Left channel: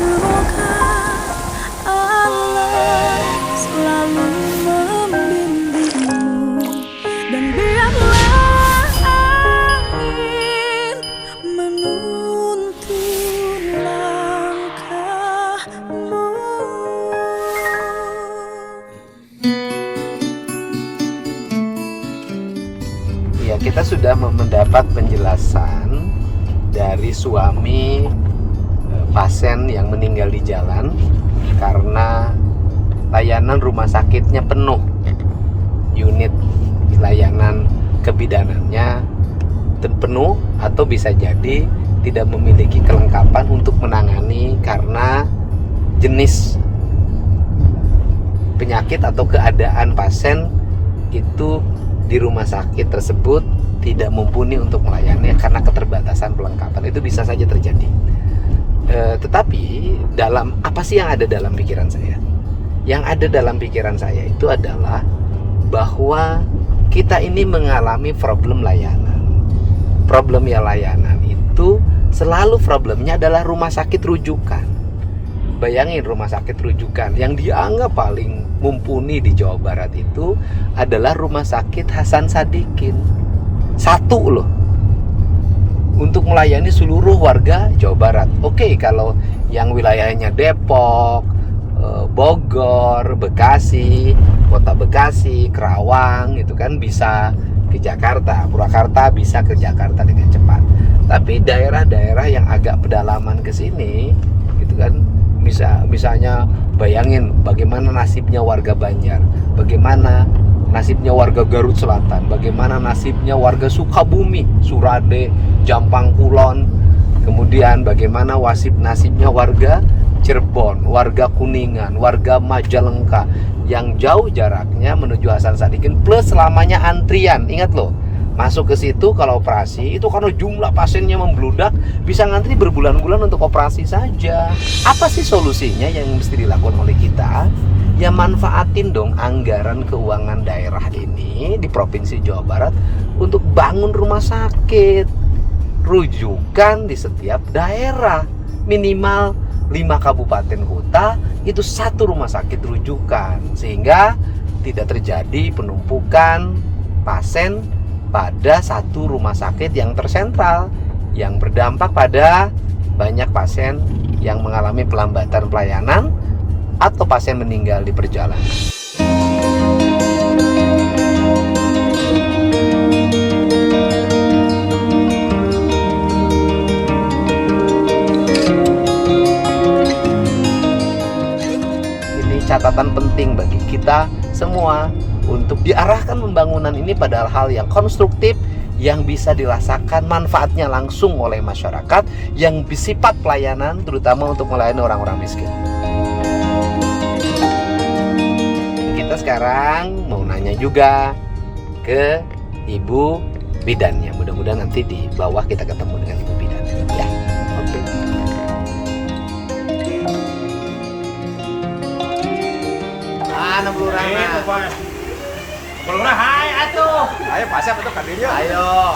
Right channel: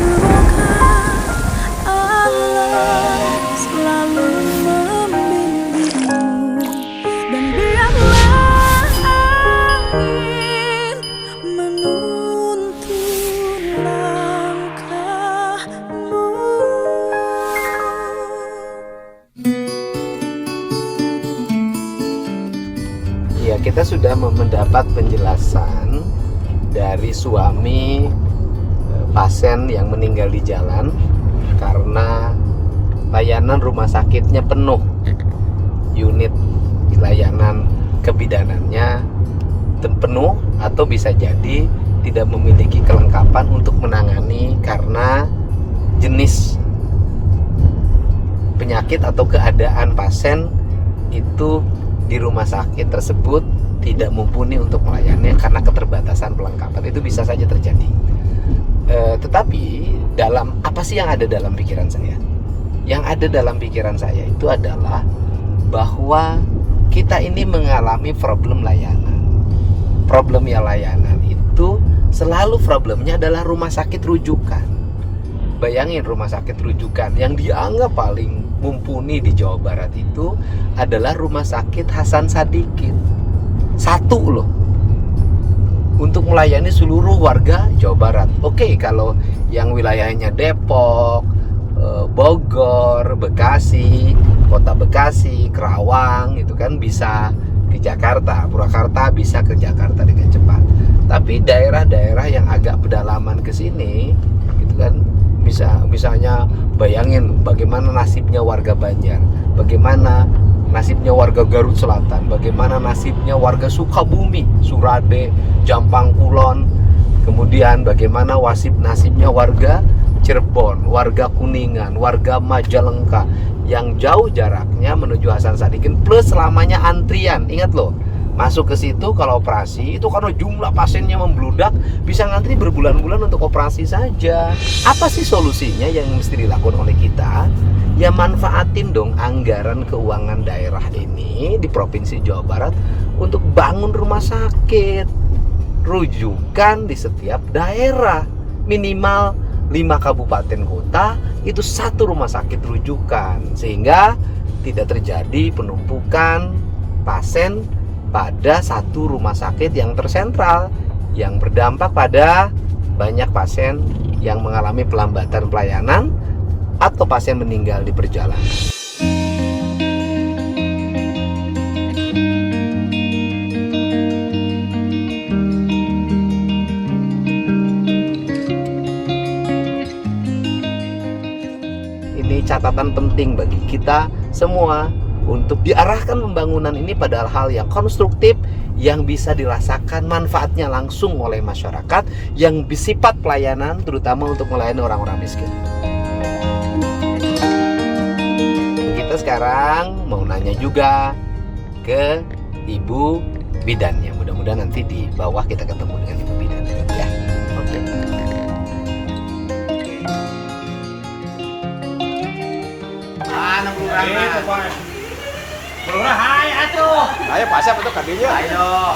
Semoga Allah selalu membimbingmu, dan biarlah angin menuntun langkahmu. Ya, kita sudah mendapat penjelasan dari suami pasien yang meninggal di jalan karena layanan rumah sakitnya penuh. Unit layanan kebidanannya penuh atau bisa jadi tidak memiliki kelengkapan untuk menangani karena jenis penyakit atau keadaan pasien itu di rumah sakit tersebut tidak mumpuni untuk melayani karena keterbatasan perlengkapan. Itu bisa saja terjadi. Tetapi dalam apa sih yang ada dalam pikiran saya? Yang ada dalam pikiran saya itu adalah bahwa kita ini mengalami problem layanan. Problem ya layanan itu selalu problemnya adalah rumah sakit rujukan. Bayangin rumah sakit rujukan yang dianggap paling mumpuni di Jawa Barat itu adalah Rumah Sakit Hasan Sadikin. Satu loh, untuk melayani seluruh warga Jawa Barat. Oke, kalau yang wilayahnya Depok, Bogor, Bekasi, Kota Bekasi, Kerawang itu kan bisa ke Jakarta, Purwakarta bisa ke Jakarta dengan cepat. Tapi daerah-daerah yang agak pedalaman ke sini itu kan misalnya bayangin bagaimana nasibnya warga Banjar, bagaimana nasibnya warga Garut Selatan, bagaimana nasibnya warga Sukabumi, Surade, Jampang Kulon, kemudian bagaimana nasibnya warga Cirebon, warga Kuningan, warga Majalengka yang jauh jaraknya menuju Hasan Sadikin plus selamanya antrian. Ingat loh, masuk ke situ kalau operasi itu karena jumlah pasiennya membludak bisa ngantri berbulan-bulan untuk operasi saja. Apa sih solusinya yang mesti dilakukan oleh kita? Ya manfaatin dong anggaran keuangan daerah ini di Provinsi Jawa Barat untuk bangun rumah sakit rujukan di setiap daerah. Minimal 5 kabupaten kota itu 1 rumah sakit rujukan, sehingga tidak terjadi penumpukan pasien pada 1 rumah sakit yang tersentral yang berdampak pada banyak pasien yang mengalami pelambatan pelayanan atau pasien meninggal di perjalanan. Ini catatan penting bagi kita semua untuk diarahkan pembangunan ini pada hal yang konstruktif yang bisa dirasakan manfaatnya langsung oleh masyarakat yang bersifat pelayanan, terutama untuk melayani orang-orang miskin. Kita sekarang mau nanya juga ke Ibu Bidannya. Mudah-mudahan nanti di bawah kita ketemu dengan Ibu Bidan. Ya, oke. Itu Pak. Lurah, hai atuh. Ayo pasang untuk kadinya. Ayo.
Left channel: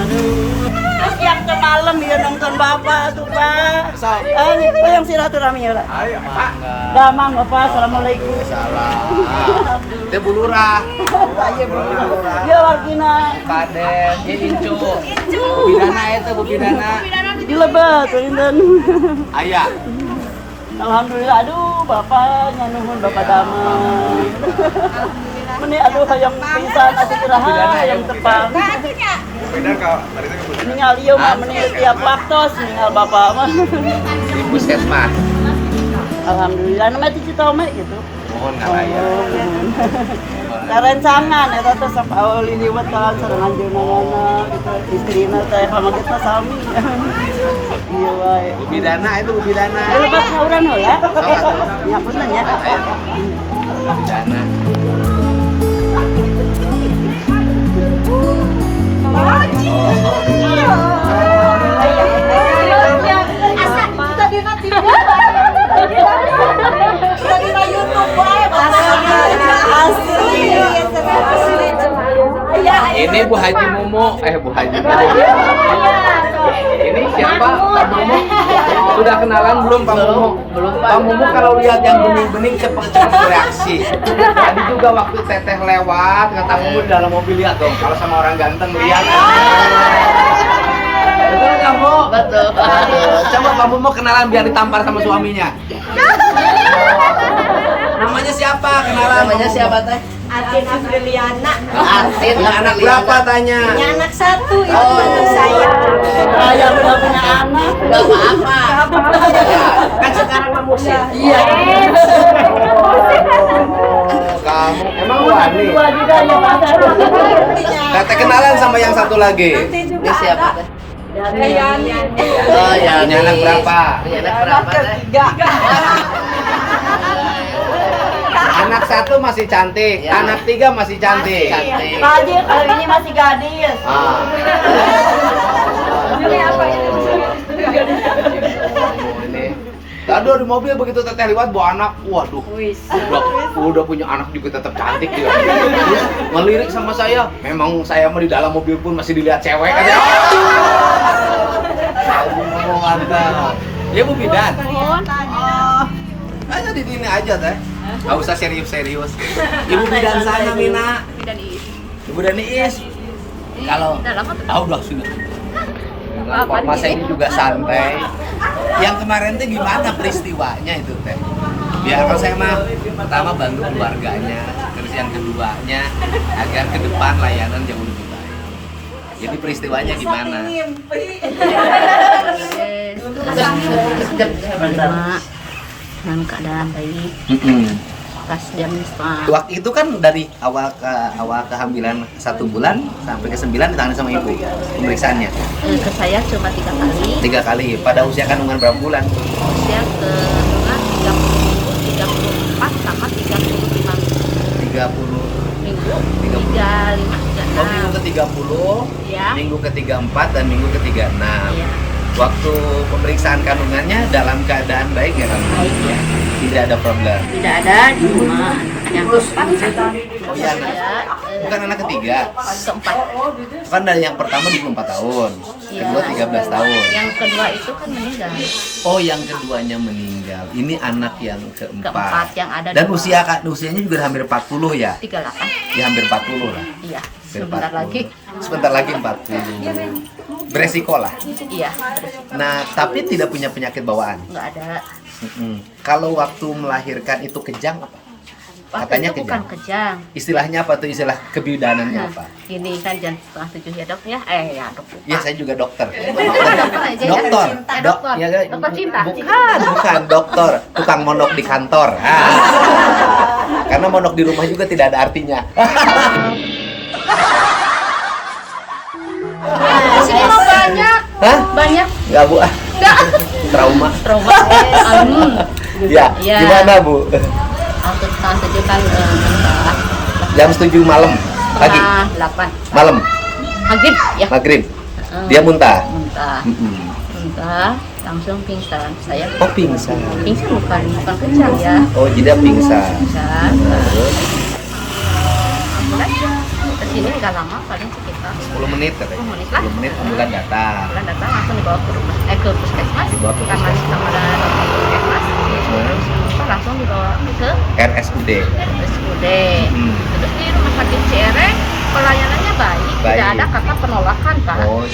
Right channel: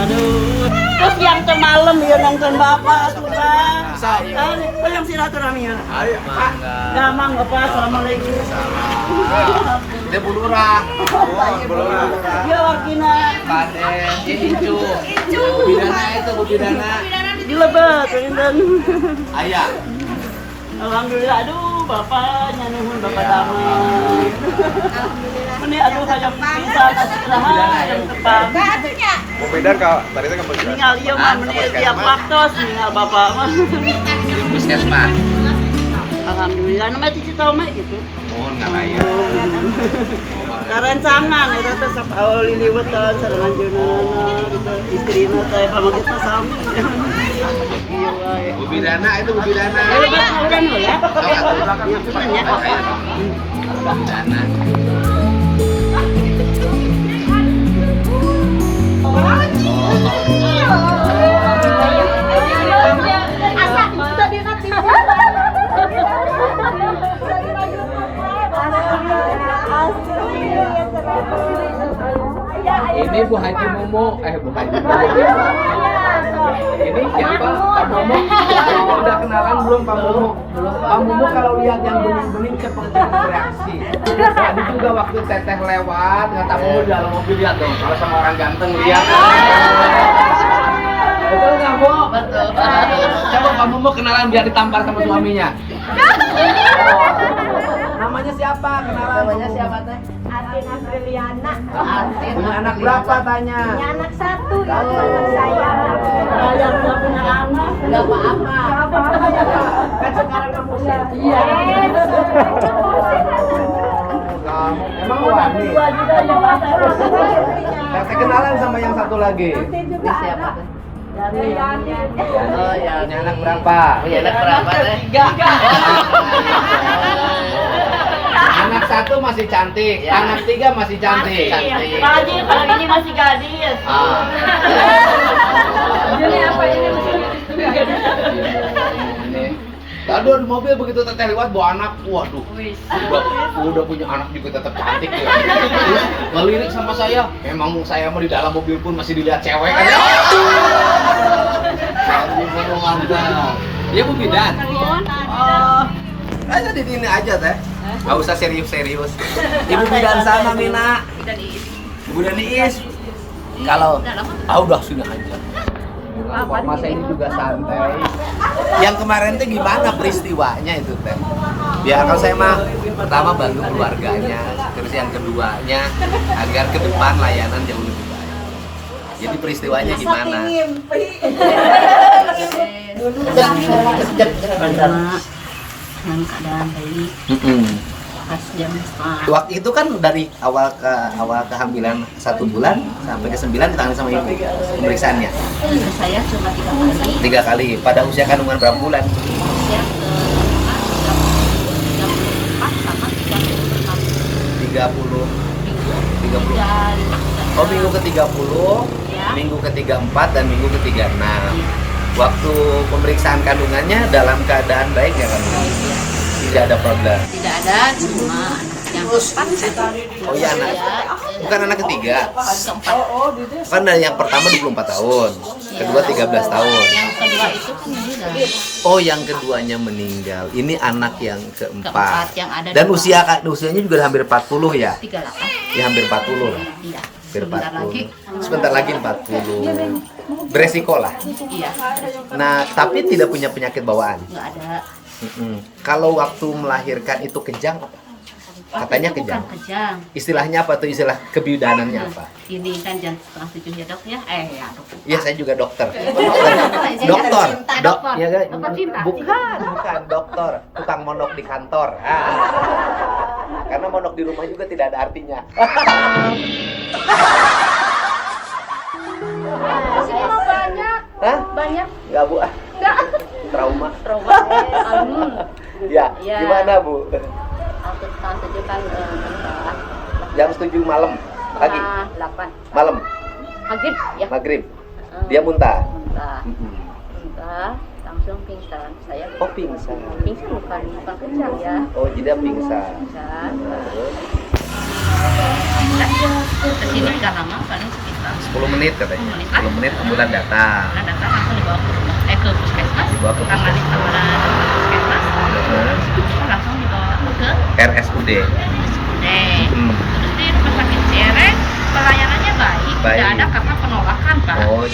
Aduh, terus yang ke malam ya nonton bapak tuh Pak. Ayo, yang silaturahmi ya. Ayo Pak. Damang bapak, assalamualaikum. Dia bulurah. Saya belum. Ya wargina. Paden, dia Incu. Bidana itu, Bu Bidana. Dilebet ini. Ayah. Alhamdulillah, aduh bapak nuhun bapak damang. Alhamdulillah. Ini aduh hayang bisa kasih kuraha yang tepang. Beda kau. Tadi kan ngomong. Ningal ieu mah meni tiap waktos ningal bapak mah. Puskesmas. Alhamdulillah nama cicita mah gitu. Mohon ngalaya. Karencangan eta teh sok aul liliwat kan sareng anjeunna gitu. Istrina teh pamagutna sami. Iya wae. Bu Bidana itu Bu Bidana. Ayo Pak urang ya. Ya punten ya. Ayo. Bu Bidana. Asa kita di TV. Kita di YouTube wae Ini Bu Haji Mumu, Bu Haji Mumu. Ini siapa? Pak Mumu? Sudah kenalan belum Pak Mumu? Belum, Pak. Pak Mumu kalau lihat yang bening-bening cepat bereaksi. Tadi juga waktu Teteh lewat, kata Mumu di dalam mobil, lihat dong. Kalau sama orang ganteng lihat. Betul nggak Bu? Betul. Coba Pak Mumu kenalan biar ditampar sama suaminya. Namanya siapa? Kenalan. Namanya Pak Mumu. siapa teh? Atin Apriliana. Atin. Punya anak berapa tanya? Punya anak satu, itu Oh. anak saya. Saya udah punya anak. Enggak apa-apa. Kan sekarang mah musim. Iya. Kamu emang wani. Dua juga yang ada. Teteh kenalan sama yang satu lagi. Ini siapa teh? Dari Oh ya. Punya anak berapa? Punya anak berapa teh? Anak satu masih cantik, Ya. anak tiga masih cantik. Cantik. Haji kalau ini masih gadis. Ah. Jadi apa ini? Ini. Aduh di mobil begitu Teteh lewat bawa anak, waduh, udah punya anak juga tetap cantik dia. Terus ngelirik sama saya, memang saya mah di dalam mobil pun masih dilihat cewek kan ya. Aduh, mantap. Ya Bu Bidan. Aja di sini aja Teh. Gak usah serius-serius. Ibu Bidan sana Mina. Ibu dan Iis. Kalau udah sini aja. Formasnya ini juga santai. Yang kemarin tuh gimana peristiwanya itu Teh? Ya kalau saya mah pertama bantu keluarganya, terus yang keduanya agar ke depan layanan jauh lebih baik. Jadi peristiwanya gimana? Yang keadaan baik pas jam setengah Waktu itu kan dari awal kehamilan 1 bulan sampai ke 9 ditangani sama ibu pemeriksaannya ke saya cuma 3 kali 3 kali. Pada usia kandungan berapa bulan? usia kandungan 34 sama 35 30 minggu 30. ya, Oh, minggu ke-30, Ya. minggu ke-34 dan minggu ke-36. ya, Waktu pemeriksaan kandungannya dalam keadaan baik ya kan? baik ya. Tidak ada problem. Tidak ada cuma yang keempat Oh ya anak. Bukan anak ketiga. keempat Kan dari yang pertama 24 tahun, kedua 13 tahun. yang kedua itu kan meninggal Oh, yang keduanya meninggal. Ini anak yang keempat. keempat yang ada Dan dua. usianya juga hampir 40 ya? 38 Ya hampir 40 lah. iya Hampir sebentar 40. lagi Sebentar lagi 40. Beresiko lah. iya Nah, tapi tidak punya penyakit bawaan. nggak ada. Kalau waktu melahirkan itu kejang apa? Katanya Itu bukan kejang. kejang. Istilahnya apa tuh? Istilah kebidaanannya apa? Ini kan jam 6:30 ya dok ya? Ya dok. Ya saya juga dokter. Dokter aja ya? Dokter. Dokter. Ya, Dokter cinta. bukan dokter, tukang monok di kantor. Karena monok di rumah juga tidak ada artinya. Sini mau banyak. Hah? Banyak. Enggak, Bu. Trauma. Trauma. Ya, Ya. gimana, Bu? Waktu setengah 7 kan Jam 7 malam, pagi, 8. malam, Maghrib ya. maghrib. Dia muntah. Muntah. Muntah. Langsung pingsan. Saya Oh, pingsan. pingsan bukan kejang ya. Oh, jadi dia pingsan. Pingsan. Terus Ambulan ya. Kesini nggak lama, paling sekitar 10 menit katanya. 10 menit lah. 10 menit ambulan datang. Ambulan datang langsung dibawa ke rumah, ke puskesmas. Dibawa ke Tangani puskesmas. sama dokter puskesmas. Heeh. Terus langsung dibawa ke RSUD. RSUD. Hmm. Terus di rumah sakit CRE pelayanannya baik, Baik. tidak ada kata penolakan Pak. Oh,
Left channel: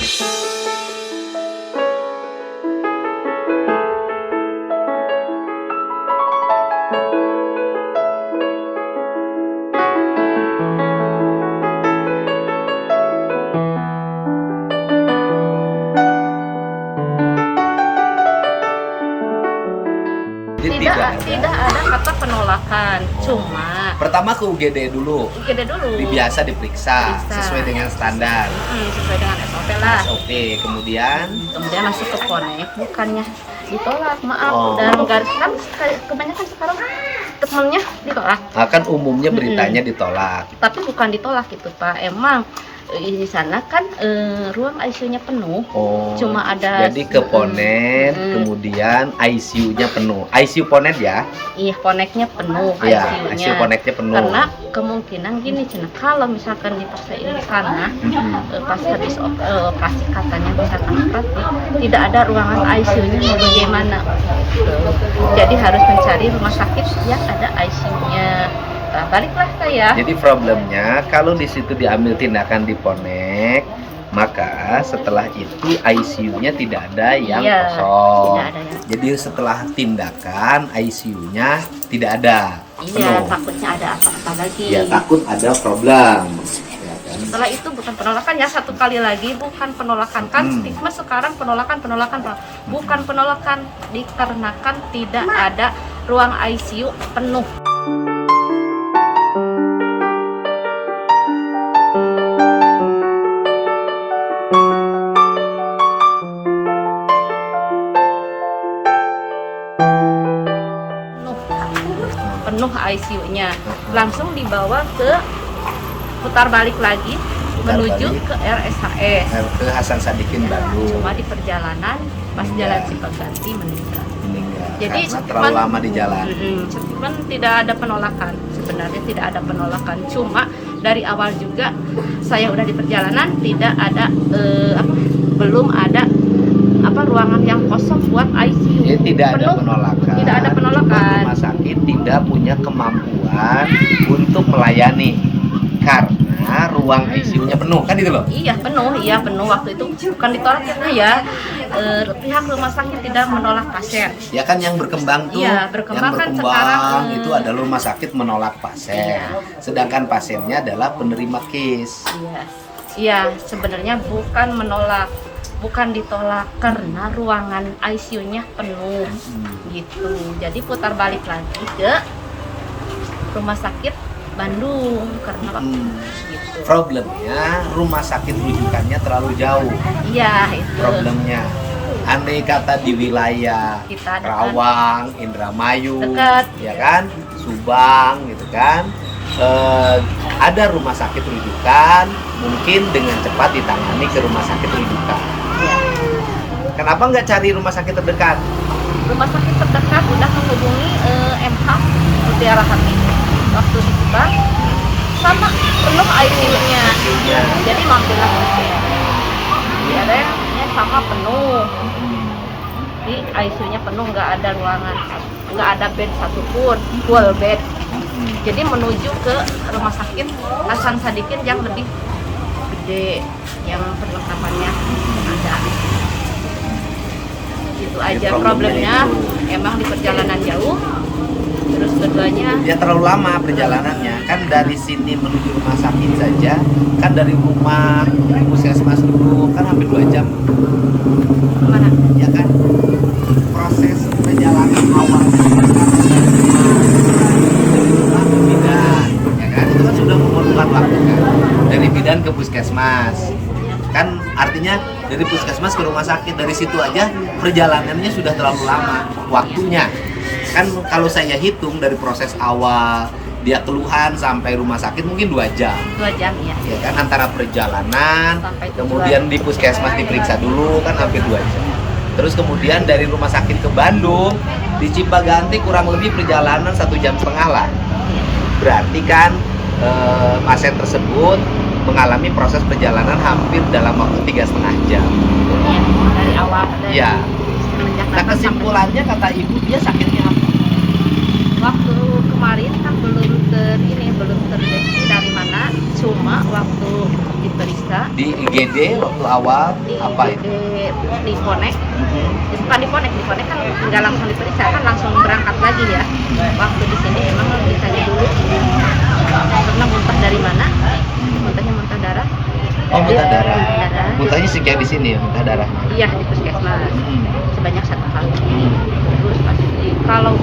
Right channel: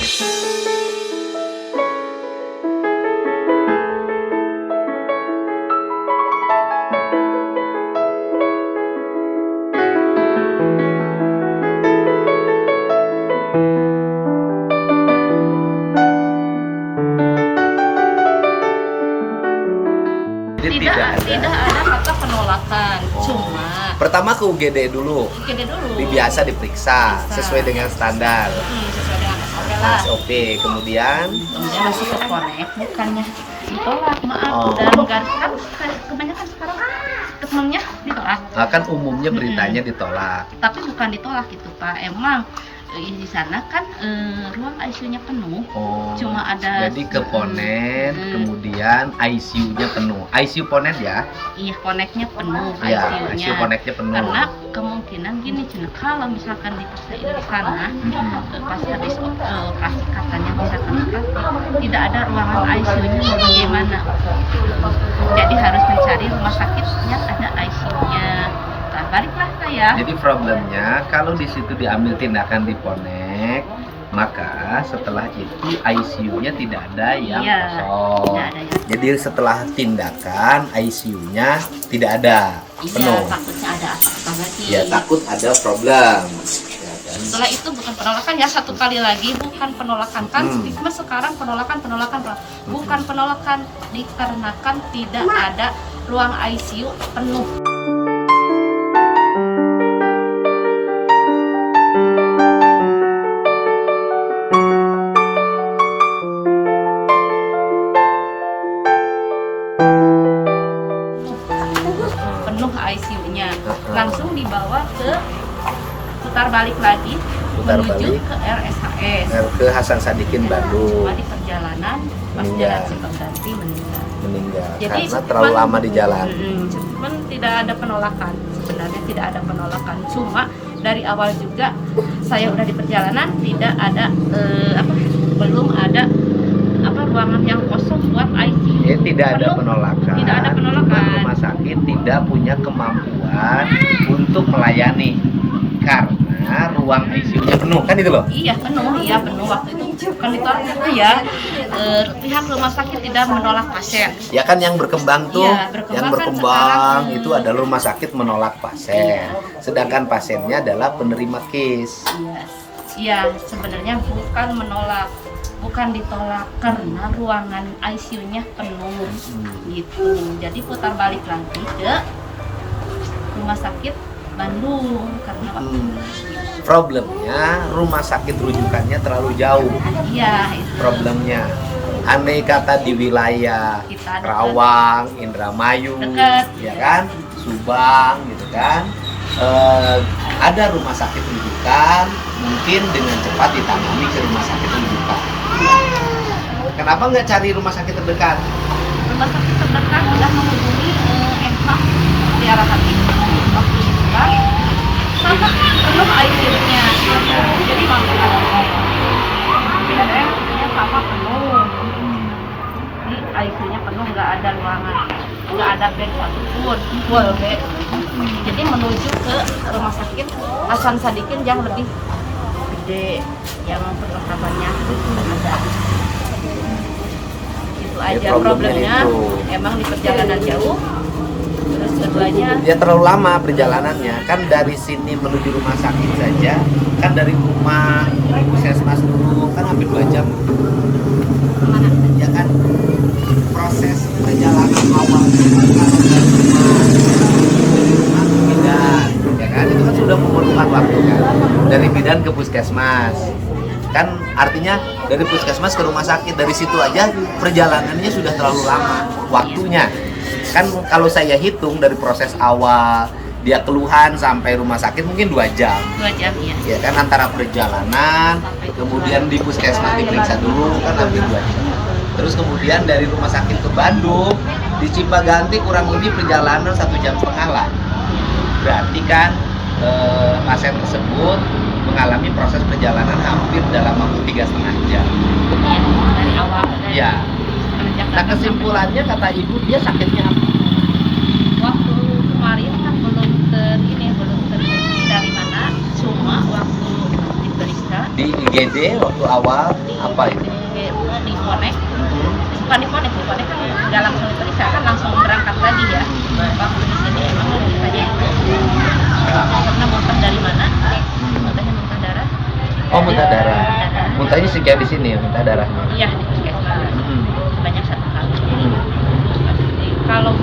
jadi Tidak ada kata penolakan, cuma pertama ke UGD dulu. gede dulu. Biasa diperiksa Diperiksa. sesuai dengan standar. Sesuai dengan SOP lah. SOP. Kemudian Kemudian masuk ke konek, bukannya ditolak, maaf. Oh. Dan kan kayak kebanyakan sekarang temennya ditolak. akan umumnya beritanya ditolak. Tapi bukan ditolak gitu Pak, emang di sana kan ruang ICU-nya penuh. Oh, Cuma ada jadi ke Ponet, kemudian ICU-nya penuh. ICU Ponet ya? Iya, Poneknya penuh Iya, ICU-nya. ICU Ponetnya penuh. Karena kemungkinan gini Cina, kalau misalkan dipaksain di sana pas habis operasi katanya misalkan operasi tidak ada ruangan ICU-nya ya bagaimana? Jadi harus mencari rumah sakit yang ada ICU-nya. Nah, baliklah saya. Jadi problemnya kalau di situ diambil tindakan di Ponek, maka setelah itu ICU-nya tidak ada yang Iya, kosong. tidak ada yang- Jadi setelah tindakan ICU-nya tidak ada, Iya, penuh. takutnya ada apa-apa lagi. Ya takut ada problem. Ya kan? Setelah itu bukan penolakan ya, satu kali lagi bukan penolakan kan stigma sekarang penolakan bukan penolakan dikarenakan tidak ada ruang ICU penuh. Penuh ICU-nya, langsung dibawa ke putar balik lagi Putar menuju balik. ke RSHS. Ke Hasan Sadikin Bandung Cuma di perjalanan pas Meninggal. jalan Cipaganti meninggal. meninggal Jadi karena terlalu lama di jalan. Cuman tidak ada penolakan, sebenarnya tidak ada penolakan. Cuma dari awal juga saya udah di perjalanan tidak ada belum ada ruangan yang kosong buat ICU. Tidak ada Penuh. penolakan. Tidak ada penolakan. Cuma rumah sakit tidak punya kemampuan untuk melayani karena ruang ICU-nya penuh, kan itu loh. Iya penuh waktu itu bukan ditolak ya. Pihak rumah sakit tidak menolak pasien. Ya kan yang berkembang tuh, Iya, berkembang yang kan berkembang sekarang, itu adalah rumah sakit menolak pasien. Sedangkan pasiennya adalah penerima case. Iya, sebenarnya bukan menolak, bukan ditolak karena ruangan ICU-nya penuh gitu. Jadi putar balik lagi ke rumah sakit Bandung karena waktu gitu. Problemnya rumah sakit rujukannya terlalu jauh. Iya, itu. Problemnya andai kata di wilayah Kita dekat. Rawang, Indramayu, Dekat. ya kan, Subang gitu kan, ada rumah sakit rujukan mungkin dengan cepat ditangani ke rumah sakit rujukan. Kenapa nggak cari rumah sakit terdekat? Rumah sakit terdekat sudah menghubungi MH Mutiara Hati waktu di Subang sama penuh ICU-nya. Jadi mampu di RS-nya sama penuh. Di ICU-nya penuh, nggak ada ruangan, nggak ada bed satupun, full bed. Jadi menuju ke rumah sakit Hasan Sadikin yang lebih gede, yang perlengkapannya ada. Itu aja problemnya. Emang di perjalanan jauh. Terus keduanya Ya terlalu lama perjalanannya. Kan dari sini menuju rumah sakit saja, kan dari rumah puskesmas dulu kan hampir 2 jam. Ya kan? Proses perjalanan awal bidan, ya kan? Itu kan sudah memerlukan waktu kan. Dari bidan ke puskesmas. Kan artinya dari puskesmas ke rumah sakit, dari situ aja perjalanannya sudah terlalu lama waktunya. Kan kalau saya hitung dari proses awal dia keluhan sampai rumah sakit mungkin 2 jam. 2 jam ya. Ya kan, antara perjalanan kemudian di puskesmas diperiksa dulu kan hampir 2 jam. Terus kemudian dari rumah sakit ke Bandung di Cipaganti kurang lebih perjalanan 1,5 jam lah. Berarti kan pasien tersebut mengalami proses perjalanan hampir dalam waktu 3,5 jam. Iya, dari awal. Iya. Nah kesimpulannya kata ibu dia sakitnya apa? Waktu kemarin kan belum terdeteksi dari mana, cuma waktu diperiksa Di IGD waktu awal di apa itu? di Ponek, bukan di Ponek kan nggak langsung diperiksa, kan langsung berangkat lagi ya. Waktu di sini emang ditanya dulu karena muntah dari mana, muntahnya muntah darah. Oh muntah darah. Muntah darah. Muntahnya sekian di sini muntah darah. Iya di puskesmas sebanyak 1 kali. Terus kalau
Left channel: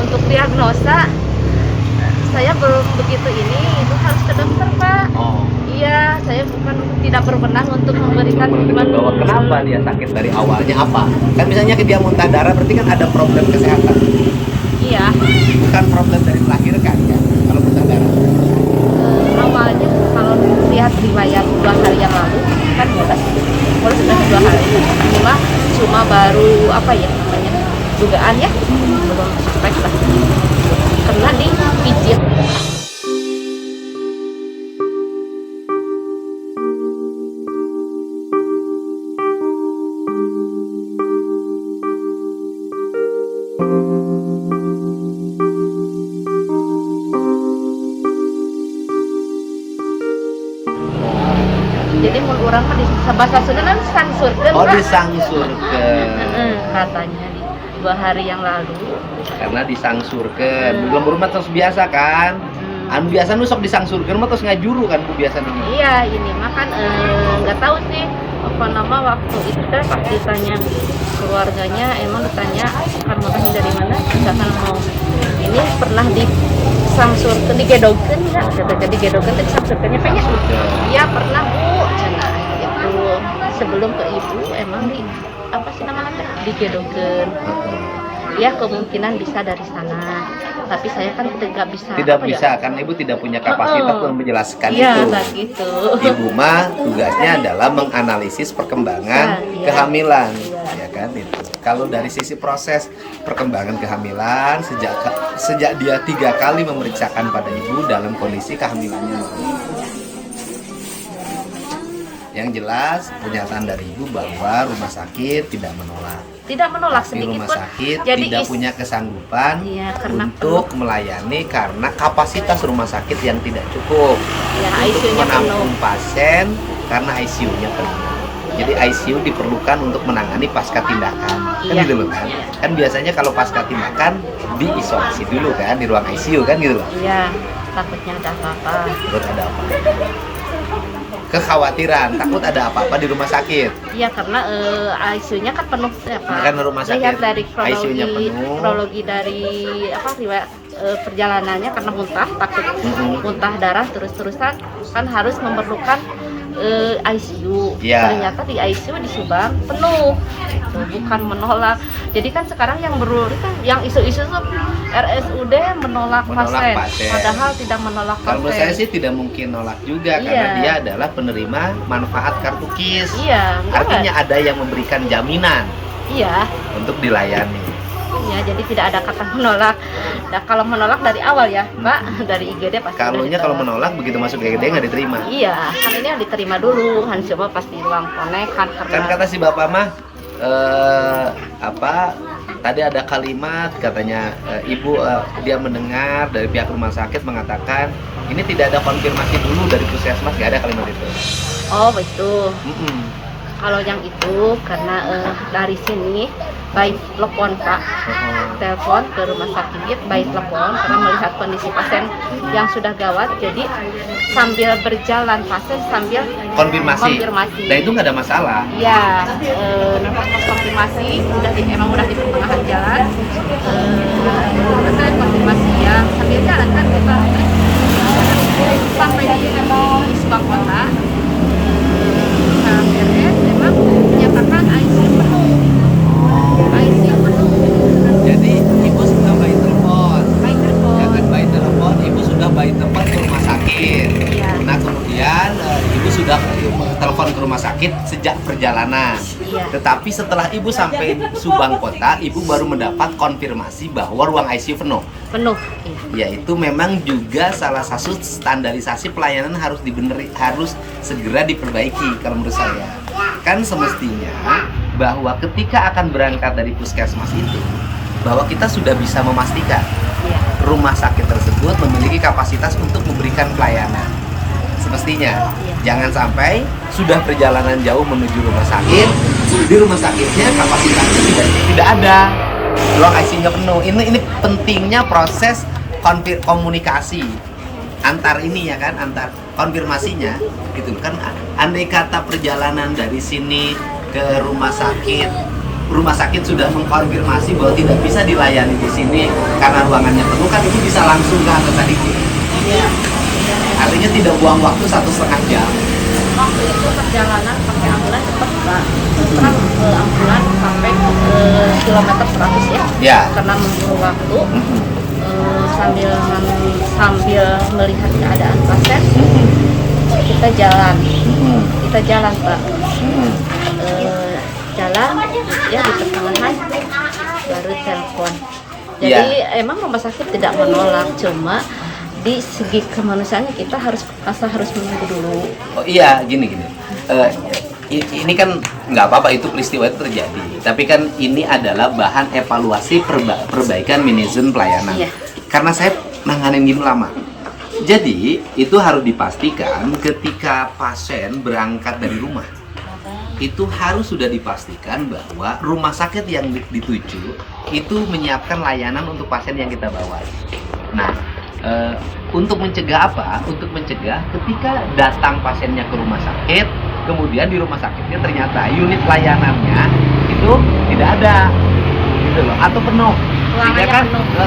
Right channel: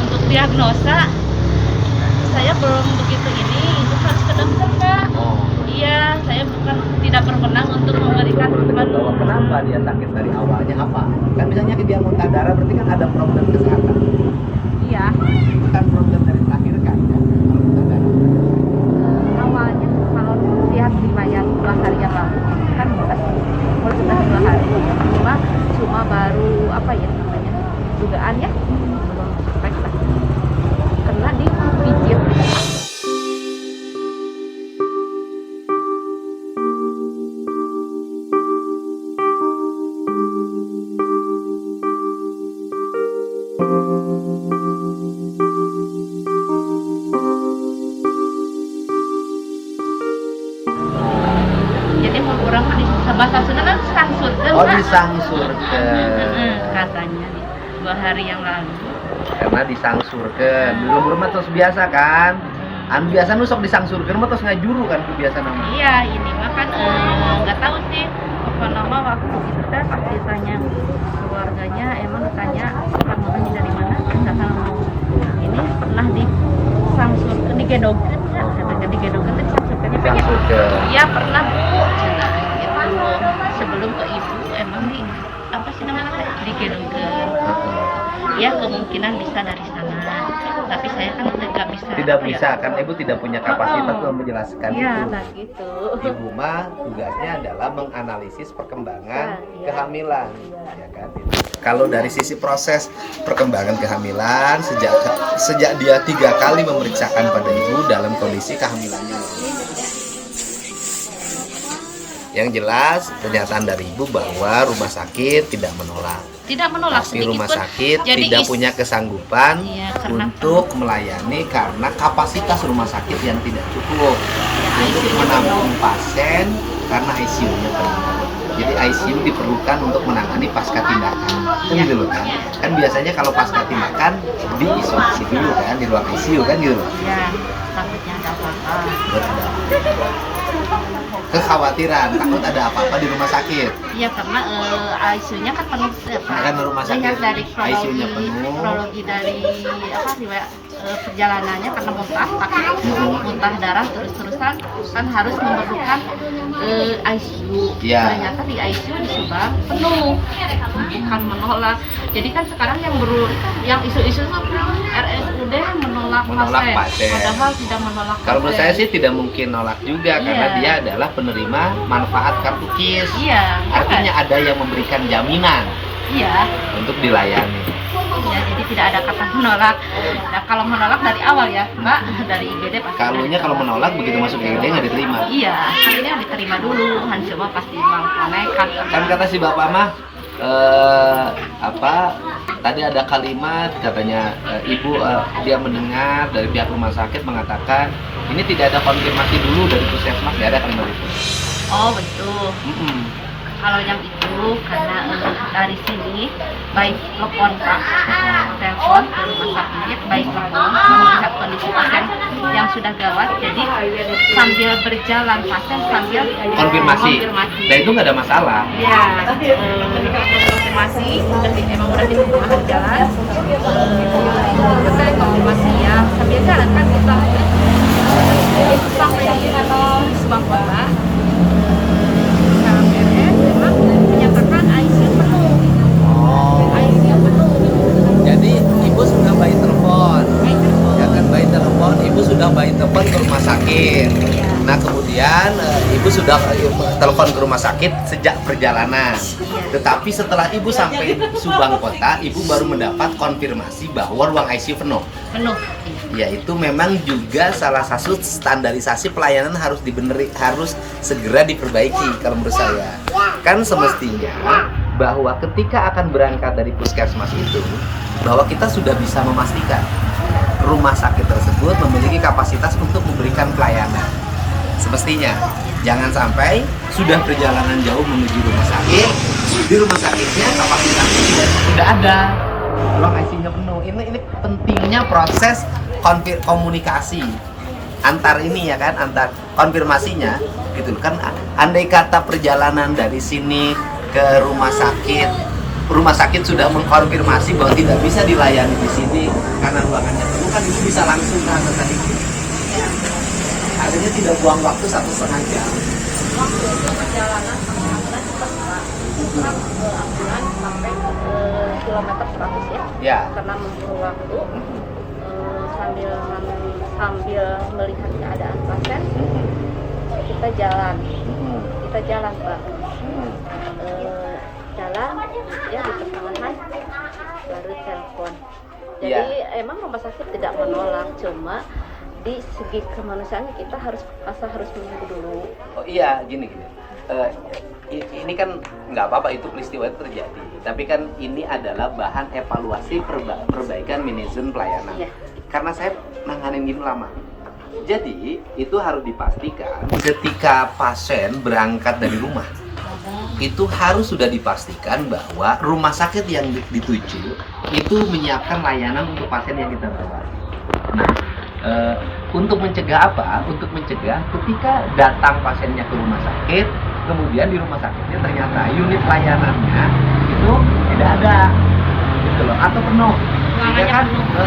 untuk diagnosa saya belum begitu itu harus ke dokter Pak. Oh. Iya, saya tidak berwenang untuk Untuk memberikan menentukan bahwa kenapa dia sakit dari awalnya apa? Kan misalnya dia muntah darah berarti kan ada problem kesehatan. Iya, Bukan problem dari melahirkan kan kalau muntah darah. awalnya kalau lihat riwayat apa ya namanya dugaan ya, belum suspek lah karena dipijit. Jadi mun orang mah di bahasa Sunda kan sangsurkeun. Oh, disangsurkeun. Katanya 2 hari yang lalu. Karena disangsurkeun. Di lembur mah terus biasa kan. Anu biasa nu sok disangsurkeun mah terus ngajuru kan ku biasa nama. Iya, ini mah kan nggak tahu sih apa nama waktu itu teh pas ditanya keluarganya emang ditanya kamu dari mana? Katakan mau ini pernah disangsurkeun digedogkeun ya. Jadi digedogkeun teh disangsurkeunnya tanya. Iya, pernah Bu, cenah itu sebelum ke ibu emang di apa sih namanya? Digedogkeun. Ya kemungkinan bisa dari sana. Tapi saya kan tidak bisa. Tidak bisa kan ibu tidak punya kapasitas untuk menjelaskan iya, itu. Iya, gitu. Ibu mah tugasnya adalah menganalisis perkembangan kehamilan, ya kan itu. Kalau dari sisi proses perkembangan kehamilan sejak dia 3 kali memeriksakan pada ibu dalam kondisi kehamilannya normal. Yang jelas pernyataan dari ibu bahwa rumah sakit tidak menolak. Tidak menolak tapi sedikit rumah pun. sakit Jadi tidak punya kesanggupan untuk melayani karena kapasitas rumah sakit yang tidak cukup untuk menampung pasien karena ICU-nya penuh. Jadi ICU diperlukan untuk menangani pasca tindakan, kan gitu loh kan? Kan biasanya kalau pasca tindakan diisolasi dulu kan di ruang ICU kan gitu loh. Iya, takutnya ada apa-apa. Takut ada apa? Kekhawatiran, takut ada apa-apa di rumah sakit. Iya, karena ICU-nya kan penuh ya, Pak. Karena rumah sakit dari ICU-nya penuh. Kronologi dari apa riwayat perjalanannya karena muntah, takut muntah darah terus-terusan kan harus memerlukan ICU. Ya. Ternyata di ICU di Subang penuh, bukan menolak. Jadi kan sekarang yang yang isu-isu tuh RSUD menolak pasien, padahal tidak menolak pasien. Kalau menurut saya sih tidak mungkin nolak juga karena dia adalah penerima manfaat kartu KIS. Iya. Artinya ada yang memberikan jaminan. Iya. Untuk dilayani. Iya, jadi tidak ada kata menolak. Nah, kalau menolak dari awal ya, Mbak, dari IGD pasti. Kalau menolak begitu masuk IGD nggak diterima. Iya, ini diterima dulu, Hansima pasti uang konekan. Kan kata si bapak mah tadi ada kalimat katanya ibu dia mendengar dari pihak rumah sakit mengatakan ini tidak ada konfirmasi dulu dari puskesmas, nggak ada kalimat itu. Oh betul. Kalau yang itu karena dari sini baik telepon Pak, telepon ke rumah sakit, baik telepon karena melihat kondisi pasien yang sudah gawat, jadi sambil berjalan pasien sambil konfirmasi. Nah itu nggak ada masalah. Ya, konfirmasi emang udah di pertengahan jalan. Dulu kan konfirmasi ya sambil jalan kan kita sampai di Subang Kota. Pihak RS emang menyatakan ICU penuh. ICU penuh. Jadi ibu sudah by telepon. Ya kan by telepon, ibu sudah by telepon ke rumah sakit. Ya. Nah kemudian ibu sudah telepon ke rumah sakit sejak perjalanan. Ya. Tetapi setelah ibu sampai Subang Kota, ibu baru mendapat konfirmasi bahwa ruang ICU penuh. Penuh. Ya itu memang juga salah satu standarisasi pelayanan harus segera diperbaiki kalau menurut saya. Kan semestinya bahwa ketika akan berangkat dari puskesmas itu, bahwa kita sudah bisa memastikan rumah sakit tersebut memiliki kapasitas untuk memberikan pelayanan. Semestinya jangan sampai sudah perjalanan jauh menuju rumah sakit, di rumah sakitnya kapasitasnya tidak ada, ruang ICU-nya penuh. Ini pentingnya proses komunikasi antar ini ya kan, antar konfirmasinya gitu kan. Andai kata perjalanan dari sini ke rumah sakit sudah mengkonfirmasi bahwa tidak bisa dilayani di sini karena ruangannya penuh, kan itu bisa langsung ke antar tadi. Artinya tidak buang waktu 1,5 jam. Perjalanan pakai ambulan cepat Pak. Kan ambulan sampai kilometer 100 ya. Ya. Karena membuang waktu. Sambil melihat keadaan pasien, kita jalan Pak, jalan ya di pertengahan telepon. Jadi emang rumah sakit tidak menolak, cuma di segi kemanusiaannya kita harus menunggu dulu. Oh iya, gini. Ini kan nggak apa-apa, itu peristiwa itu terjadi. Tapi kan ini adalah bahan evaluasi perbaikan manajemen pelayanan. Iya. Karena saya nanganin gini lama. Jadi itu harus dipastikan ketika pasien berangkat dari rumah, itu harus sudah dipastikan bahwa rumah sakit yang dituju itu menyiapkan layanan untuk pasien yang kita bawa. Nah, untuk mencegah apa? Untuk mencegah ketika datang pasiennya ke rumah sakit, kemudian di rumah sakitnya ternyata unit layanannya itu tidak ada, gitu loh, atau penuh,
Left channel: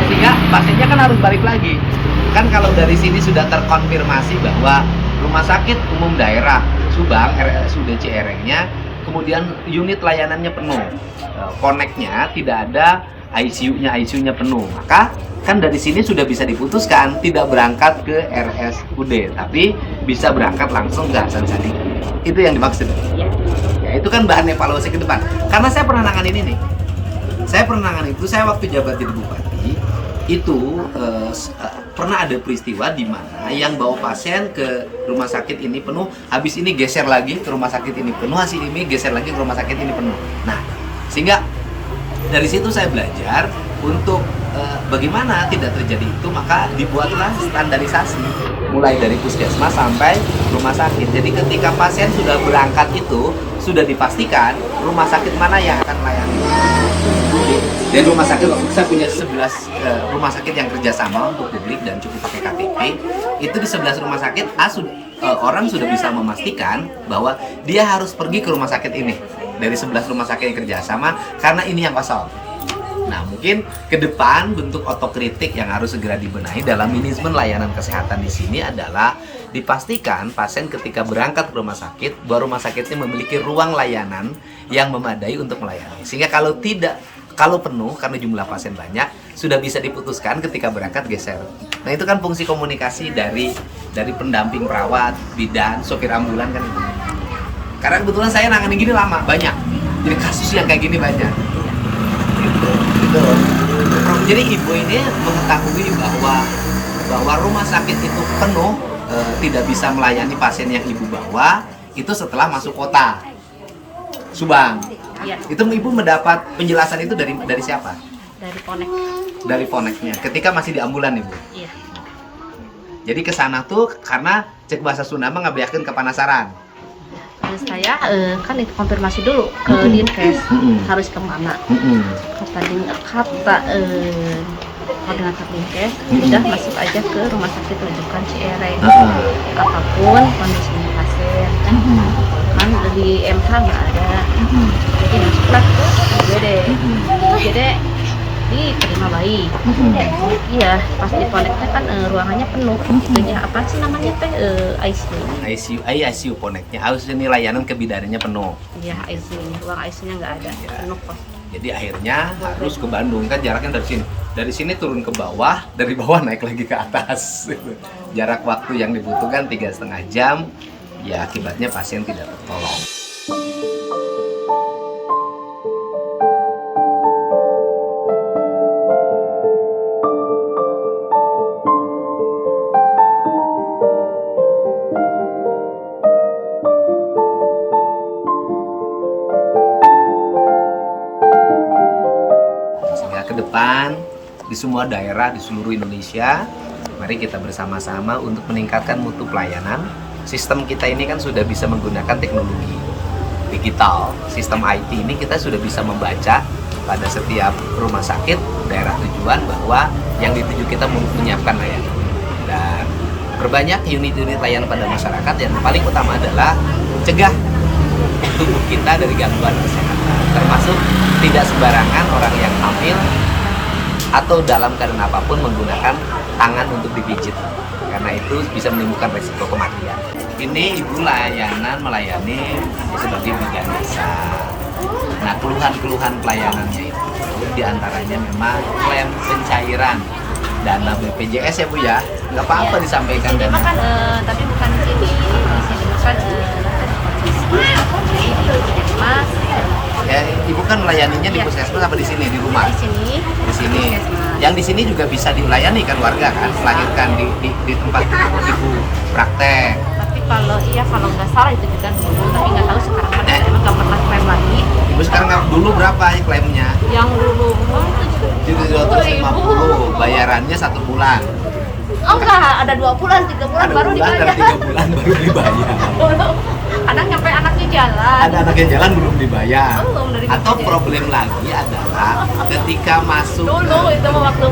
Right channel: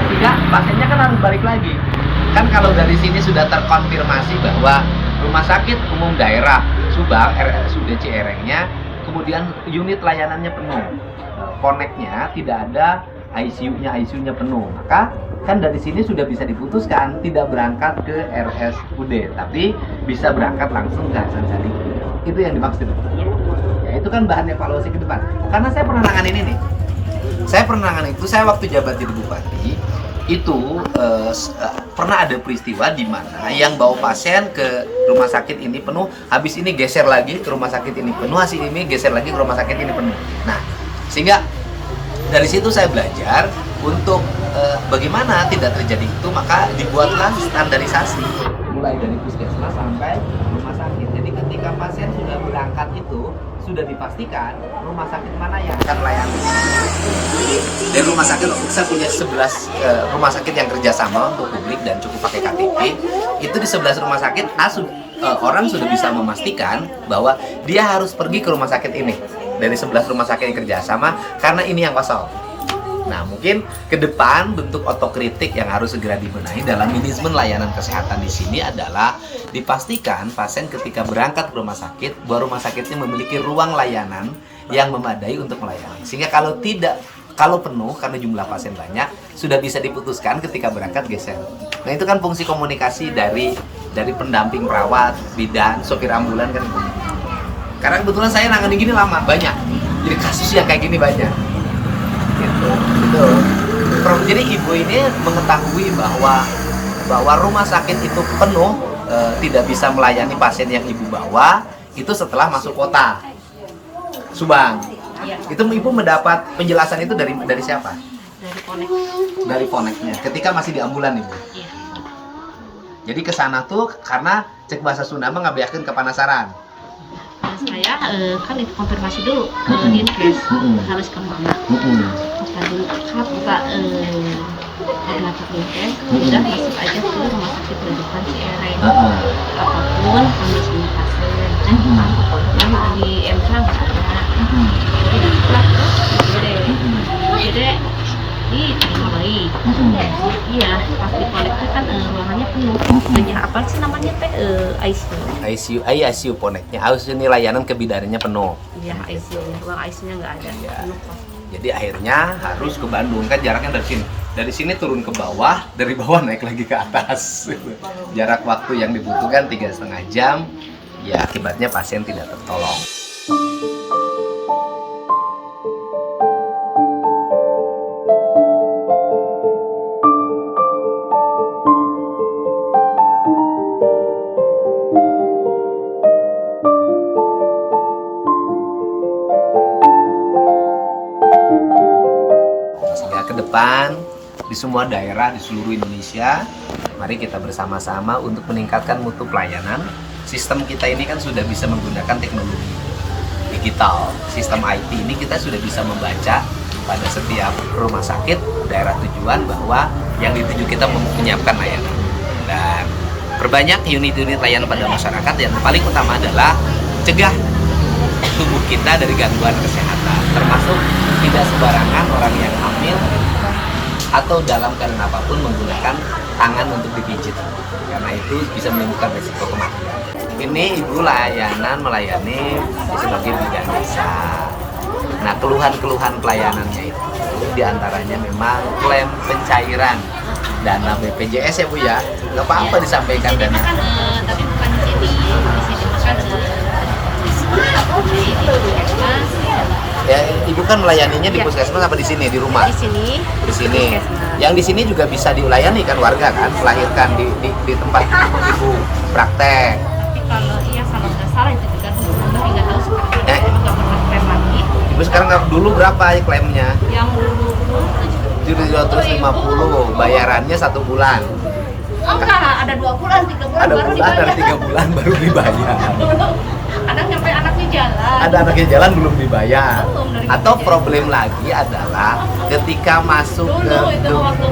sehingga pasiennya kan harus balik lagi. Kan kalau dari sini sudah terkonfirmasi bahwa rumah sakit umum daerah Subang, RSUD Cierengnya, kemudian unit layanannya penuh, koneknya tidak ada, ICU-nya penuh, maka kan dari sini sudah bisa diputuskan tidak berangkat ke RSUD, tapi bisa berangkat langsung ke Hasan Sadikin. Itu yang dimaksud. Ya, itu kan bahan evaluasi ke depan. Karena saya pernah nanganin ini. Saya waktu jabat jadi bupati, itu pernah ada peristiwa di mana yang bawa pasien ke rumah sakit ini penuh, habis ini geser lagi ke rumah sakit ini penuh, habis ini geser lagi ke rumah sakit ini penuh. Nah, sehingga dari situ saya belajar untuk bagaimana tidak terjadi itu, maka dibuatlah standarisasi mulai dari puskesmas sampai rumah sakit. Jadi ketika pasien sudah berangkat itu sudah dipastikan rumah sakit mana yang akan melayani. Dari rumah sakit, saya punya 11 rumah sakit yang kerjasama untuk publik dan cukup pakai KTP. Itu di 11 rumah sakit orang sudah bisa memastikan bahwa dia harus pergi ke rumah sakit ini dari 11 rumah sakit yang kerjasama karena ini yang kosong. Nah, mungkin ke depan bentuk otokritik yang harus segera dibenahi dalam manajemen layanan kesehatan di sini adalah dipastikan pasien ketika berangkat ke rumah sakit, bahwa rumah sakitnya memiliki ruang layanan yang memadai untuk melayani. Sehingga kalau penuh karena jumlah pasien banyak, sudah bisa diputuskan ketika berangkat geser. Nah, itu kan fungsi komunikasi dari pendamping perawat, bidan, sopir ambulan kan itu. Karena kebetulan saya nangani gini lama, banyak. Jadi kasus yang kayak gini banyak. Gitu. Jadi ibu ini mengetahui bahwa rumah sakit itu penuh, tidak bisa melayani pasien yang ibu bawa, itu setelah masuk kota Subang. Iya. Itu ibu mendapat penjelasan itu dari siapa? Dari Ponek. Dari Poneknya. Ketika masih di ambulan ibu. Iya. Jadi ke sana tuh karena cek bahasa Sunda mah ngabeakeun kepanasaran. Saya kan itu konfirmasi dulu ke Dinkes, harus kemana. Kata koordinator Dinkes, udah masuk aja ke rumah sakit rujukan Ciereng. Apapun kondisinya pasien, kan di MK nggak ada. Jadi masuklah ke UGD, diterima baik. Iya, pas di koneknya kan ruangannya penuh. Punya apa sih namanya teh ICU Poneknya harus ini layanan kebidarannya penuh. Iya, ICU-nya, ruang ICU-nya nggak ada, penuh kok. Jadi akhirnya harus ke Bandung, kan jaraknya dari sini. Dari sini turun ke bawah, dari bawah naik lagi ke atas. Jarak waktu yang dibutuhkan 3,5 jam. Ya akibatnya pasien tidak tertolong. Di semua daerah di seluruh Indonesia, mari kita bersama-sama untuk meningkatkan mutu pelayanan. Sistem kita ini kan sudah bisa menggunakan teknologi digital, sistem IT ini kita sudah bisa membaca pada setiap rumah sakit daerah tujuan bahwa yang dituju kita menyiapkan layanan, dan perbanyak unit-unit layanan pada masyarakat. Yang paling utama adalah cegah tubuh kita dari gangguan kesehatan, termasuk tidak sembarangan orang yang hamil atau dalam keadaan apapun menggunakan tangan untuk dipijit, karena itu bisa menimbulkan resiko kematian. Ini ibu melayani sebagai bidan desa. Nah, keluhan-keluhan pelayanannya itu diantaranya memang klaim pencairan dana BPJS ya Bu ya, nggak apa-apa disampaikan dana. Tapi bukan di sini, kan ada kondisi di Puskesmas, Ya, ibu kan melayaninya di Iya. puskesmas apa di sini di rumah? Di sini, Di terus di sini. puskesmas. Yang di sini juga bisa dilayani kan warga kan, melahirkan di tempat ibu praktek. Tapi kalau nggak salah itu juga dulu, tapi nggak tahu sekarang kan emang nggak pernah klaim lagi. Ibu sekarang dulu berapa ya klaimnya? Yang dulu 750, bayarannya 1 bulan. oh enggak, ada 2 bulan, 3 bulan Ada baru bulan, dibayar. ada 3 bulan baru dibayar. Kadang sampai anaknya jalan. Ada anaknya jalan belum dibayar. Belum dari Atau BPJS. problem lagi adalah ketika masuk Dulu itu waktu-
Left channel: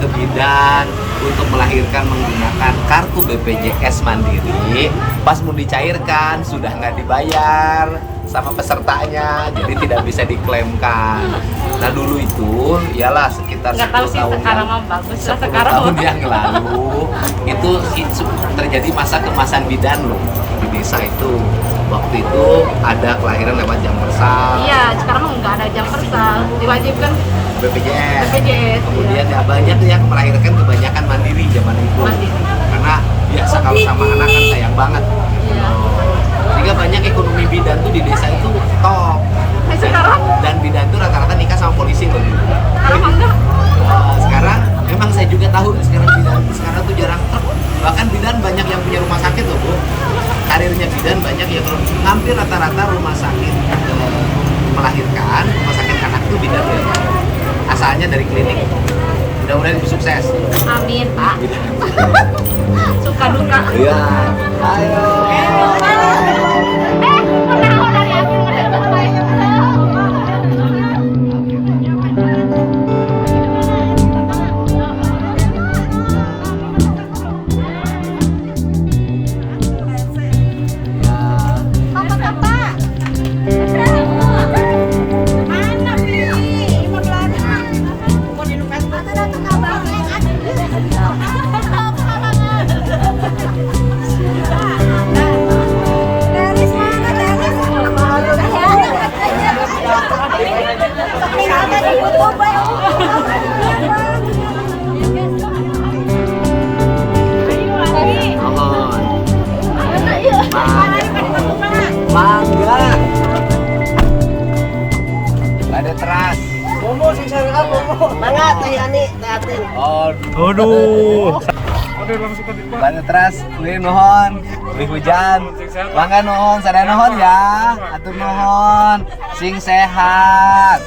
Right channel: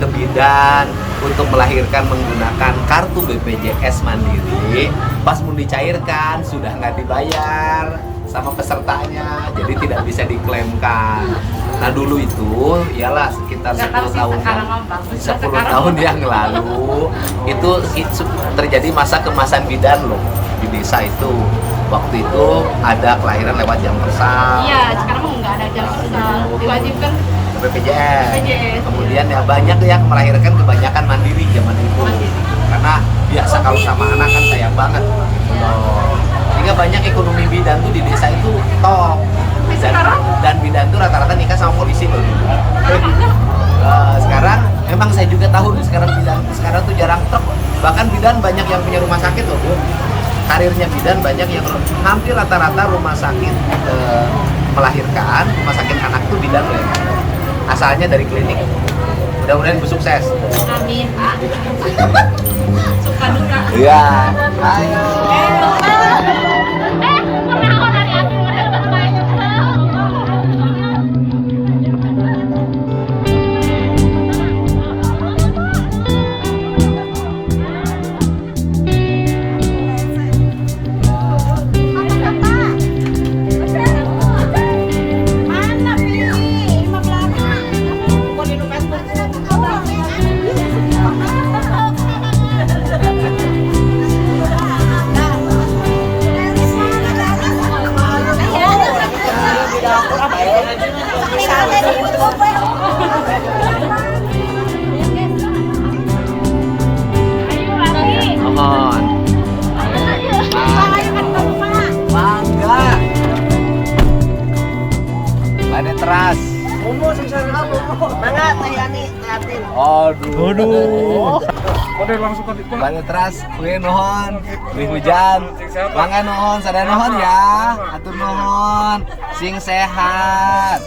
ke bidan untuk melahirkan menggunakan kartu BPJS Mandiri, pas mau dicairkan sudah nggak dibayar sama pesertanya, jadi tidak bisa diklaimkan. Nah dulu itu ialah sekitar Nggak tahu 10 sih tahun yang sekarang mah bagus lah, 10 sekarang tahun mah. yang lalu itu terjadi masa kemasan bidan loh di desa itu. Waktu itu ada kelahiran lewat jam persal. Iya, sekarang nggak ada jam persal, diwajibkan BPJS. BPJS, Kemudian ya banyak tuh yang melahirkan kebanyakan mandiri zaman itu. Mandiri. Karena biasa kalau sama anak kan sayang banget gitu loh. Sehingga banyak ekonomi bidan tuh di desa itu top. Dan bidan tuh rata-rata nikah sama polisi loh dulu. Sekarang memang saya juga tahu sekarang bidan sekarang tuh jarang truk. Bahkan bidan banyak yang punya rumah sakit loh, Bu. Karirnya bidan banyak yang hampir rata-rata rumah sakit melahirkan, rumah sakit anak tuh bidan loh. Asalnya dari klinik. Mudah-mudahan Ibu sukses. Amin. Suka duka. Iya. Ayo. Mohon. Mangga. Mari teras. Aduh. Balik teras, kue nuhon, kue hujan, mangga nuhon, sada nuhon ya, atur nuhon, sing sehat.